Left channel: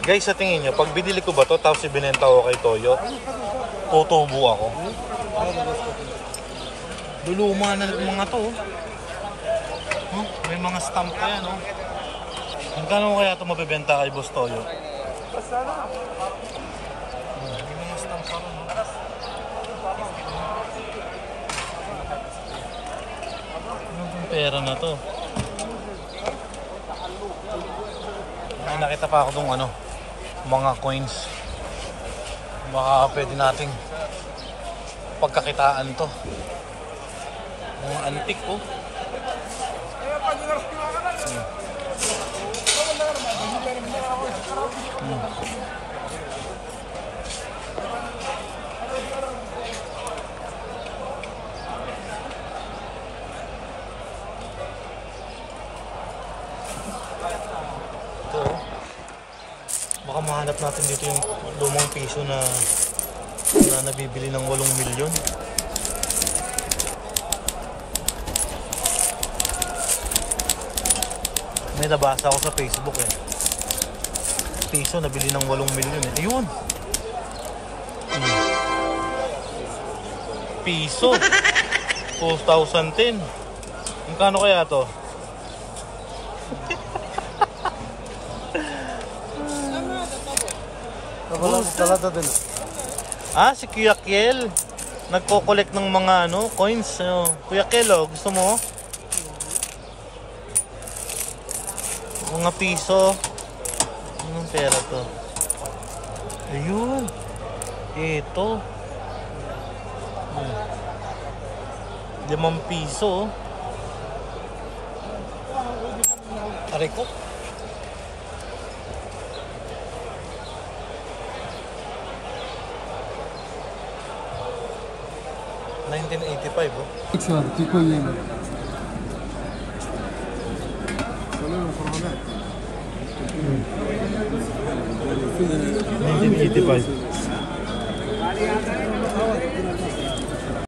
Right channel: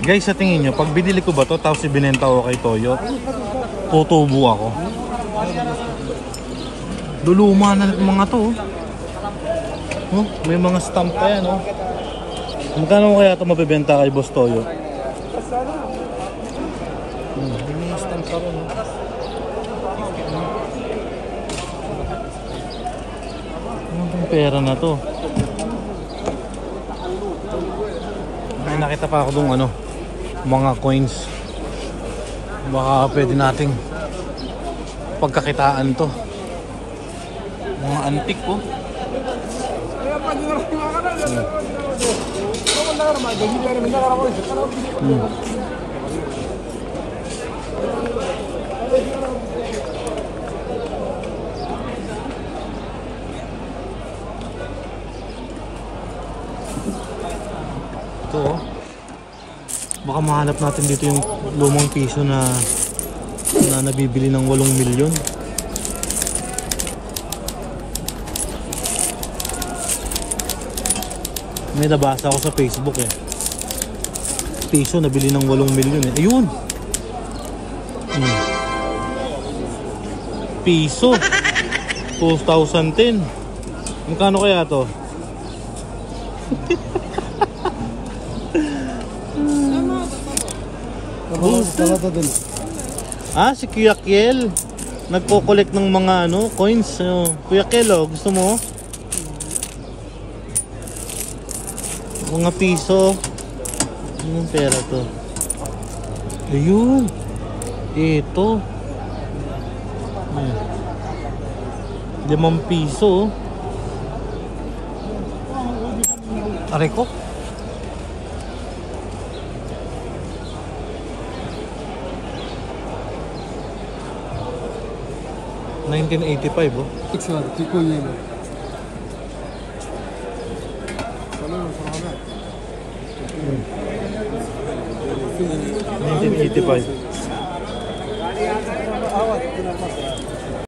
Guys, sa tingin nyo, pag binili ko ba to tapos ibinenta ko kay Toyo, tutubo ako. Luluma na mga to. Oh, may mga stamp pa yan, oh. Magkano kaya ito mabibenta kay Boss Toyo? May stamp pa rin, oh. Ang pera na to. May nakita pa ako dong ano, mga coins. Baka pwede nating pagkakitaan to. Mga antique ko. Ito, baka mahanap natin dito yung lumang piso na nabibili ng 8 milyon. May nabasa ako sa Facebook eh. Piso nabili ng 8 milyon eh. Ayun. Piso 2010. Magkano kaya to? Ah, si Kuya Kiel nagko-collect ng mga ano, coins. Kuya Kiel, oh, gusto mo? Mga piso. Anong pera to? Ayun. Ito. 5 piso. Aray ko. $1985, oh. Sure, kiko yun. 1985.